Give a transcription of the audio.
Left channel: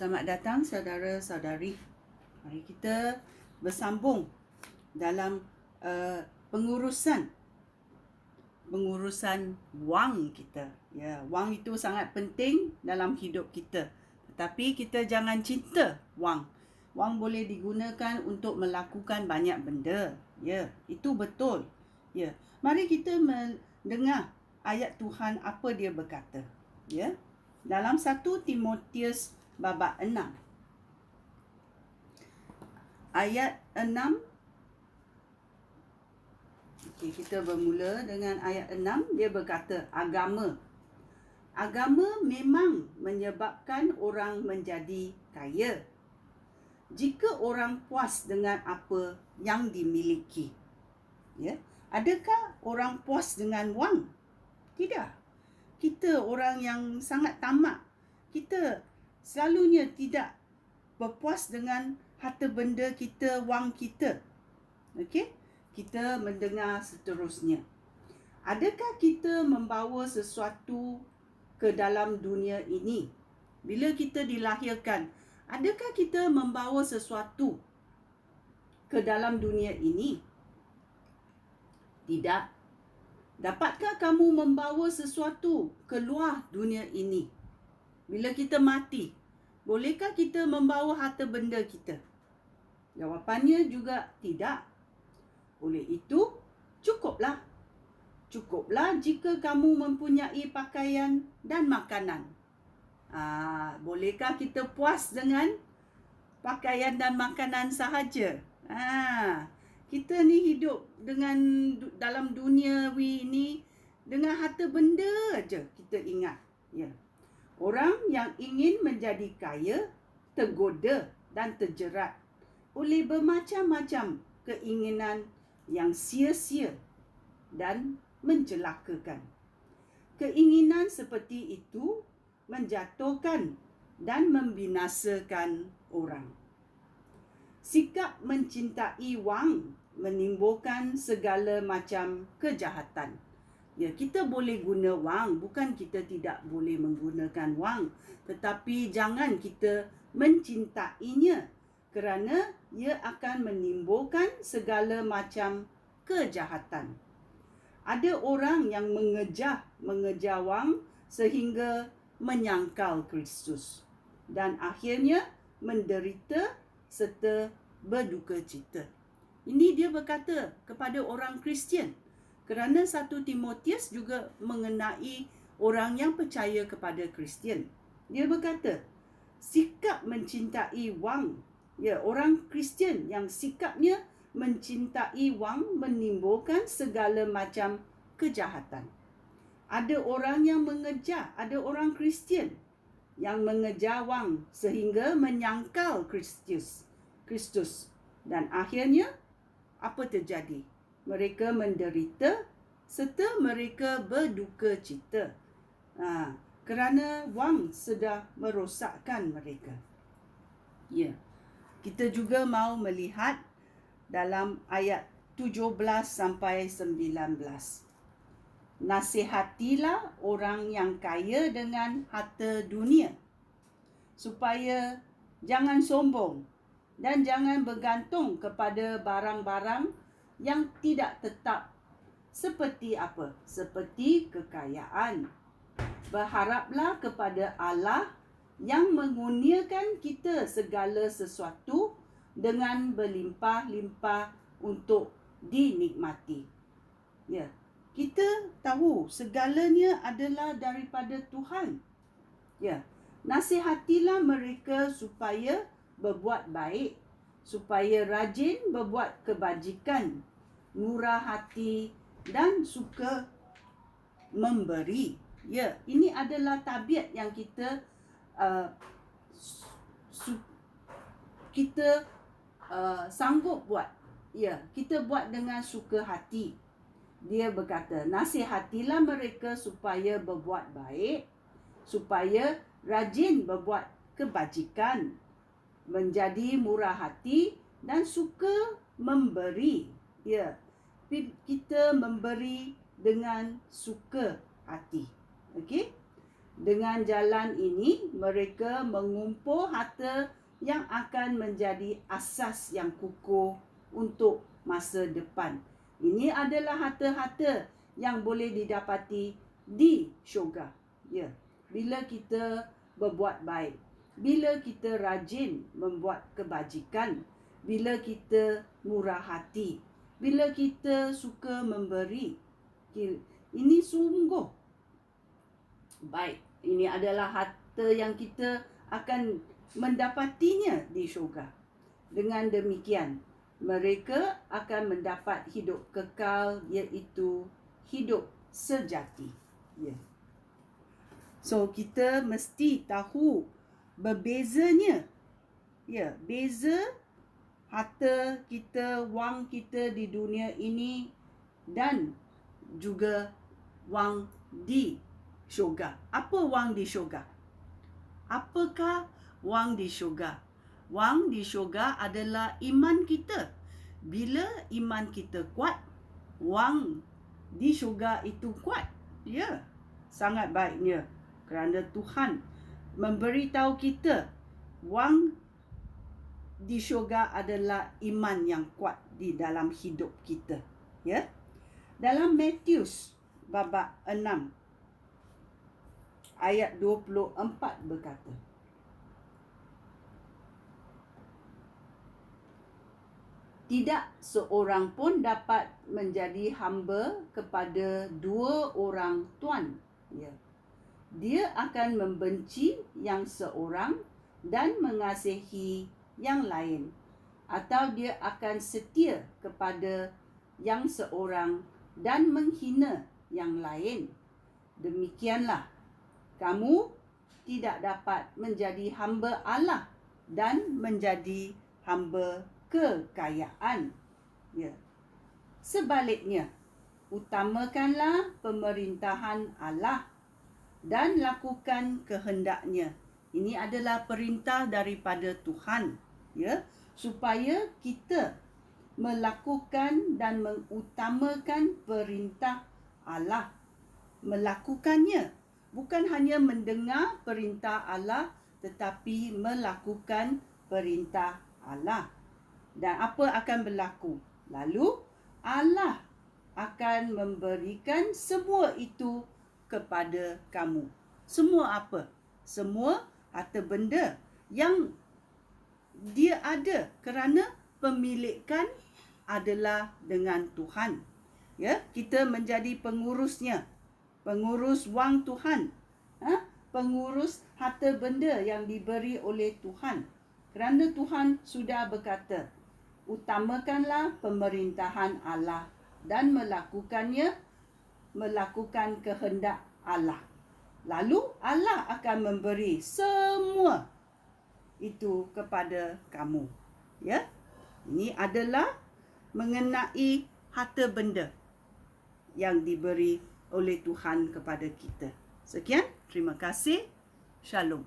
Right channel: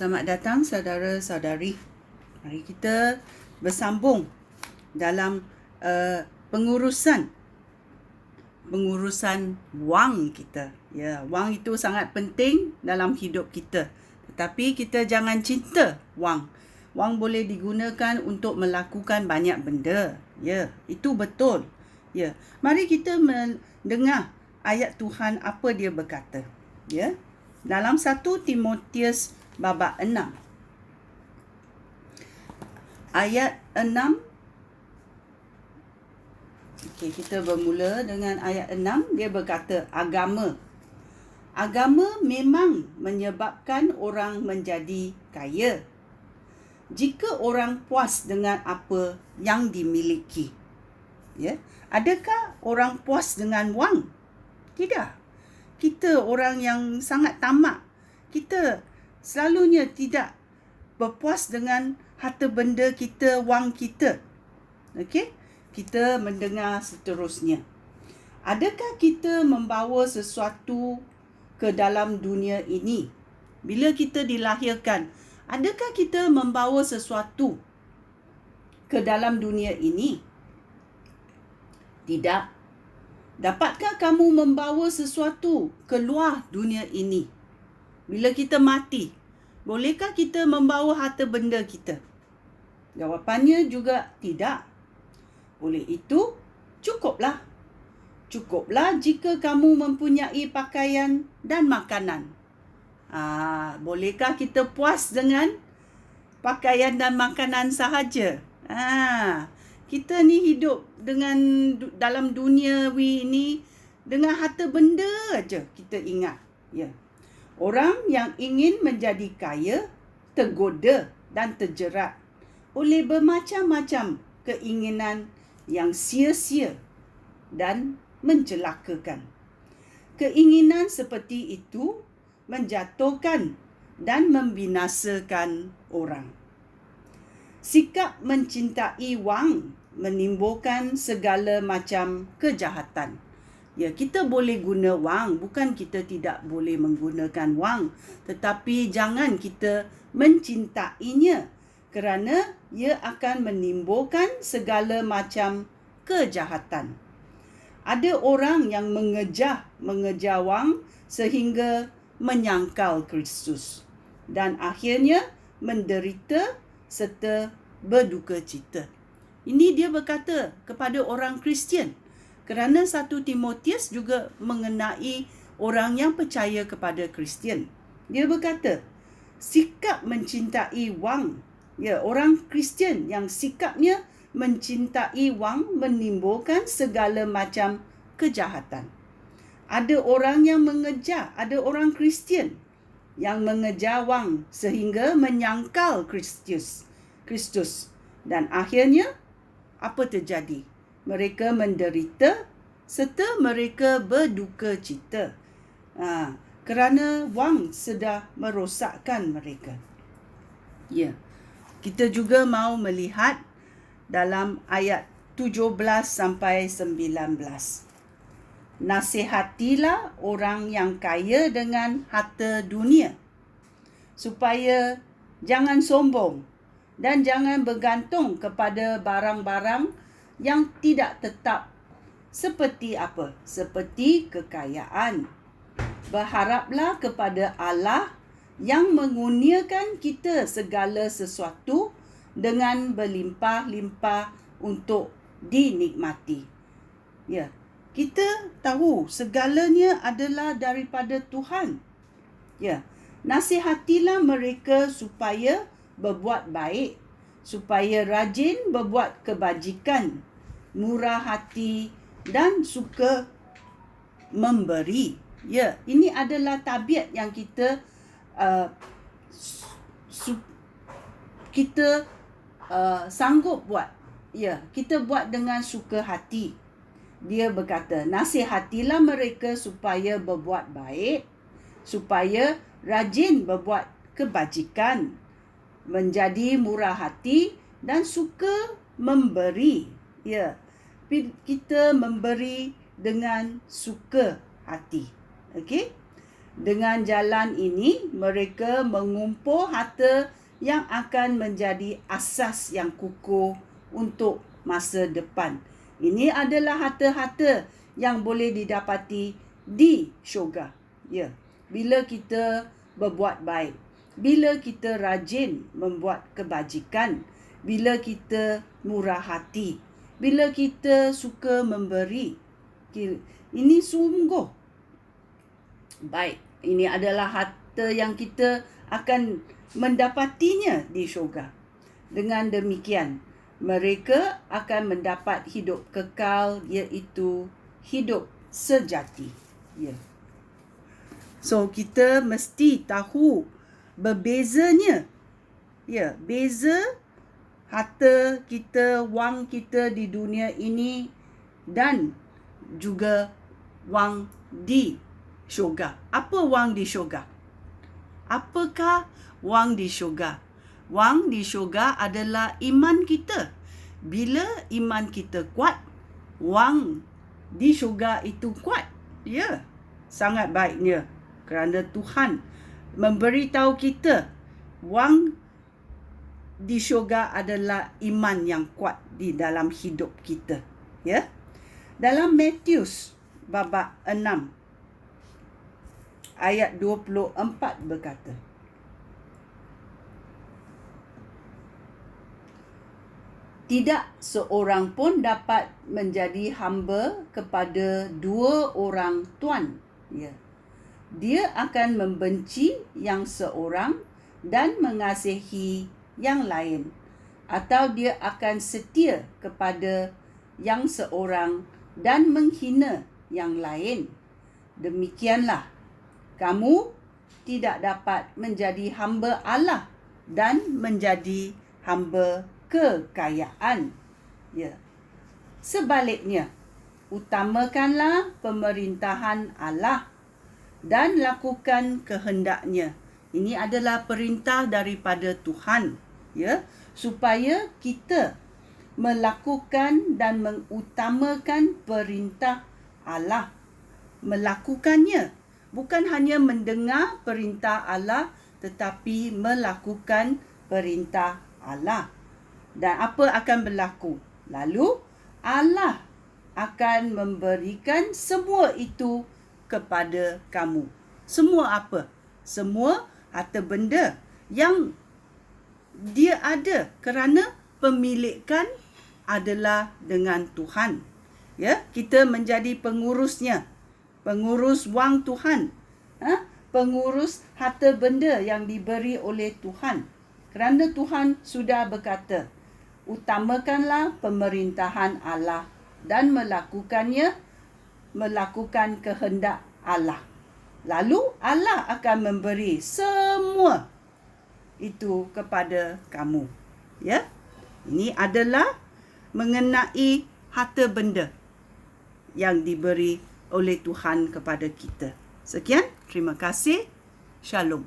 Selamat datang saudara-saudari. Mari kita bersambung dalam pengurusan wang kita. Ya, wang itu sangat penting dalam hidup kita. Tetapi kita jangan cinta wang. Wang boleh digunakan untuk melakukan banyak benda. Ya, itu betul. Ya, mari kita mendengar ayat Tuhan apa dia berkata. Ya, dalam 1 Timotius babak 6. Ayat 6. Okey, kita bermula dengan ayat 6. Dia berkata, agama memang menyebabkan orang menjadi kaya. Jika orang puas dengan apa yang dimiliki. Ya, adakah orang puas dengan wang? Tidak. Kita orang yang sangat tamak. Kita selalunya tidak berpuas dengan harta benda kita, wang kita. Okey? Kita mendengar seterusnya. Adakah kita membawa sesuatu ke dalam dunia ini? Bila kita dilahirkan, adakah kita membawa sesuatu ke dalam dunia ini? Tidak. Dapatkah kamu membawa sesuatu keluar dunia ini? Bila kita mati, bolehkah kita membawa harta benda kita? Jawapannya juga tidak. Oleh itu, cukuplah. Cukuplah jika kamu mempunyai pakaian dan makanan. Bolehkah kita puas dengan pakaian dan makanan sahaja? Kita ni hidup dalam duniawi ini dengan harta benda aja kita ingat. Ya. Orang yang ingin menjadi kaya tergoda dan terjerat oleh bermacam-macam keinginan yang sia-sia dan mencelakakan. Keinginan seperti itu menjatuhkan dan membinasakan orang. Sikap mencintai wang menimbulkan segala macam kejahatan. Ya, kita boleh guna wang, bukan kita tidak boleh menggunakan wang, tetapi jangan kita mencintainya kerana ia akan menimbulkan segala macam kejahatan. Ada orang yang mengejar wang sehingga menyangkal Kristus dan akhirnya menderita serta berduka cita. Ini dia berkata kepada orang Kristian. Kerana 1 Timotius juga mengenai orang yang percaya kepada Kristian. Dia berkata, sikap mencintai wang. Ya, orang Kristian yang sikapnya mencintai wang menimbulkan segala macam kejahatan. Ada orang yang ada orang Kristian yang mengejar wang sehingga menyangkal Kristus. Dan akhirnya, apa terjadi? Mereka menderita serta mereka berduka cita. Kerana wang sudah merosakkan mereka. Ya. Kita juga mau melihat dalam ayat 17 sampai 19. Nasihatilah orang yang kaya dengan harta dunia, supaya jangan sombong dan jangan bergantung kepada barang-barang yang tidak tetap. Seperti apa? Seperti kekayaan. Berharaplah kepada Allah yang mengurniakan kita segala sesuatu dengan berlimpah-limpah untuk dinikmati. Ya, kita tahu segalanya adalah daripada Tuhan. Ya, nasihatilah mereka supaya berbuat baik, supaya rajin berbuat kebajikan, murah hati dan suka memberi. Ya, ini adalah tabiat yang kita sanggup buat. Ya, kita buat dengan suka hati. Dia berkata, nasihatilah mereka supaya berbuat baik, supaya rajin berbuat kebajikan, menjadi murah hati dan suka memberi. Ya, kita memberi dengan suka hati. Okey? Dengan jalan ini, mereka mengumpul harta yang akan menjadi asas yang kukuh untuk masa depan. Ini adalah harta-harta yang boleh didapati di syurga. Ya, bila kita berbuat baik, bila kita rajin membuat kebajikan, bila kita murah hati, bila kita suka memberi. Ini sungguh baik. Ini adalah harta yang kita akan mendapatinya di syurga. Dengan demikian, mereka akan mendapat hidup kekal, iaitu hidup sejati. Ya. So, kita mesti tahu berbezanya. Ya, beza harta kita, wang kita di dunia ini dan juga wang di syurga. Apa wang di syurga? Apakah wang di syurga? Wang di syurga adalah iman kita. Bila iman kita kuat, wang di syurga itu kuat. Ya, sangat baiknya. Kerana Tuhan memberitahu kita wang di syurga adalah iman yang kuat di dalam hidup kita. Ya. Dalam Matius babak 6 ayat 24 berkata, tidak seorang pun dapat menjadi hamba kepada dua orang tuan. Ya. Dia akan membenci yang seorang dan mengasihi yang lain, atau dia akan setia kepada yang seorang dan menghina yang lain. Demikianlah, kamu tidak dapat menjadi hamba Allah dan menjadi hamba kekayaan. Ya. Sebaliknya, utamakanlah pemerintahan Allah dan lakukan kehendaknya. Ini adalah perintah daripada Tuhan, ya, supaya kita melakukan dan mengutamakan perintah Allah. Melakukannya, bukan hanya mendengar perintah Allah, tetapi melakukan perintah Allah. Dan apa akan berlaku? Lalu Allah akan memberikan semua itu kepada kamu. Semua apa? Semua harta benda yang dia ada, kerana pemilikan adalah dengan Tuhan. Ya, kita menjadi pengurusnya. Pengurus wang Tuhan. Pengurus harta benda yang diberi oleh Tuhan. Kerana Tuhan sudah berkata, utamakanlah pemerintahan Allah dan melakukan kehendak Allah. Lalu Allah akan memberi semua itu kepada kamu. Ya. Ini adalah mengenai harta benda yang diberi oleh Tuhan kepada kita. Sekian, terima kasih. Shalom.